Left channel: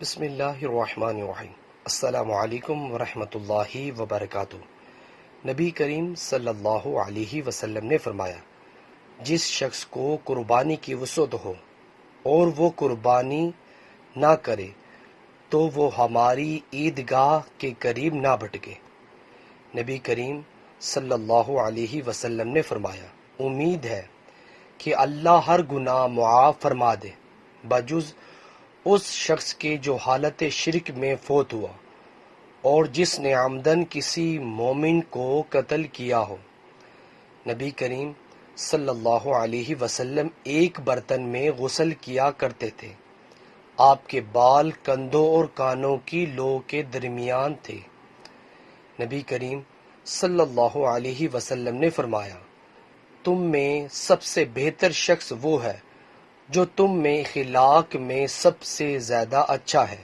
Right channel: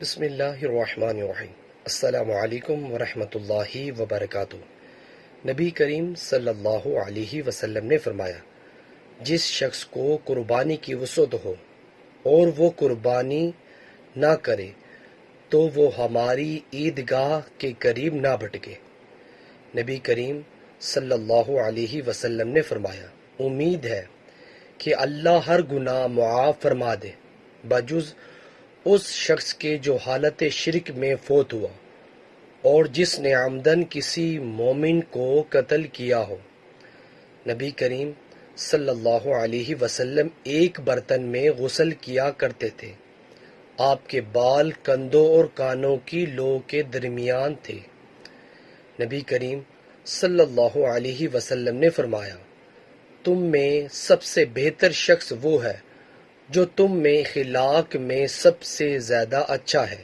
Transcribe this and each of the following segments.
بسم اللہ الرحمن الرحیم۔ السلام علیکم ورحمۃ اللہ وبرکاتہ۔ نبی کریم صلی اللہ علیہ وسلم نے فرمایا، جس شخص کو قربانی کی وسعت ہو اور وہ قربانی نہ کرے تو وہ ہماری عیدگاہ کے قریب نہ بھٹکے۔ نبی کریم صلی اللہ علیہ وسلم نے فرمایا، امید ہے کہ اللہ ہر گناہ معاف فرما دے بجز اس شخص کے جو حالت شرک میں فوت ہوا اور جس نے عمدن کسی مومن کو قتل کیا ہو۔ نبی کریم صلی اللہ علیہ وسلم ایک برتن میں غسل کیا کرتے تھے۔ آپ کے بال کندھوں اور کانوں کی لو کے درمیان تھے۔ نبی کریم صلی اللہ علیہ وسلم نے فرمایا، تم میں سب سے بہتر شخص وہ ہے جو تم میں اخلاق میں سب سے زیادہ اچھا ہے۔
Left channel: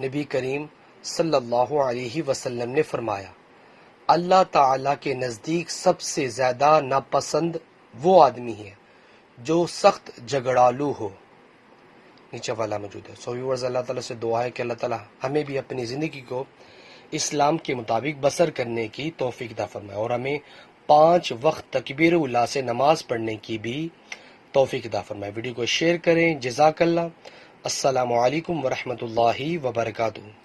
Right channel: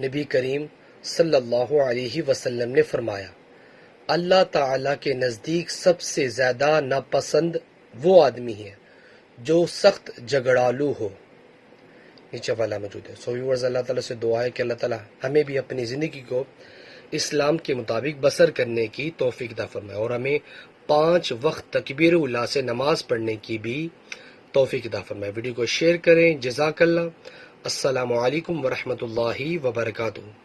نبی کریم صلی اللہ علیہ وسلم نے فرمایا، اللہ تعالیٰ کے نزدیک سب سے زیادہ ناپسند وہ آدمی ہے جو سخت جھگڑالو ہو۔ نیچے والا موجود ہے۔ ویورز، اللہ تعالیٰ سے دعا ہے کہ اللہ تعالیٰ ہمیں بھی اپنی زندگی کو اسلام کے مطابق بسر کرنے کی توفیق عطا فرمائے اور ہمیں 5 وقت تکبیر اولیٰ سے نماز پڑھنے کی بھی توفیق عطا فرمائے۔ ویڈیو کو شیئر کریں۔ جزاک اللہ۔ السلام علیکم ورحمۃ اللہ وبرکاتہ۔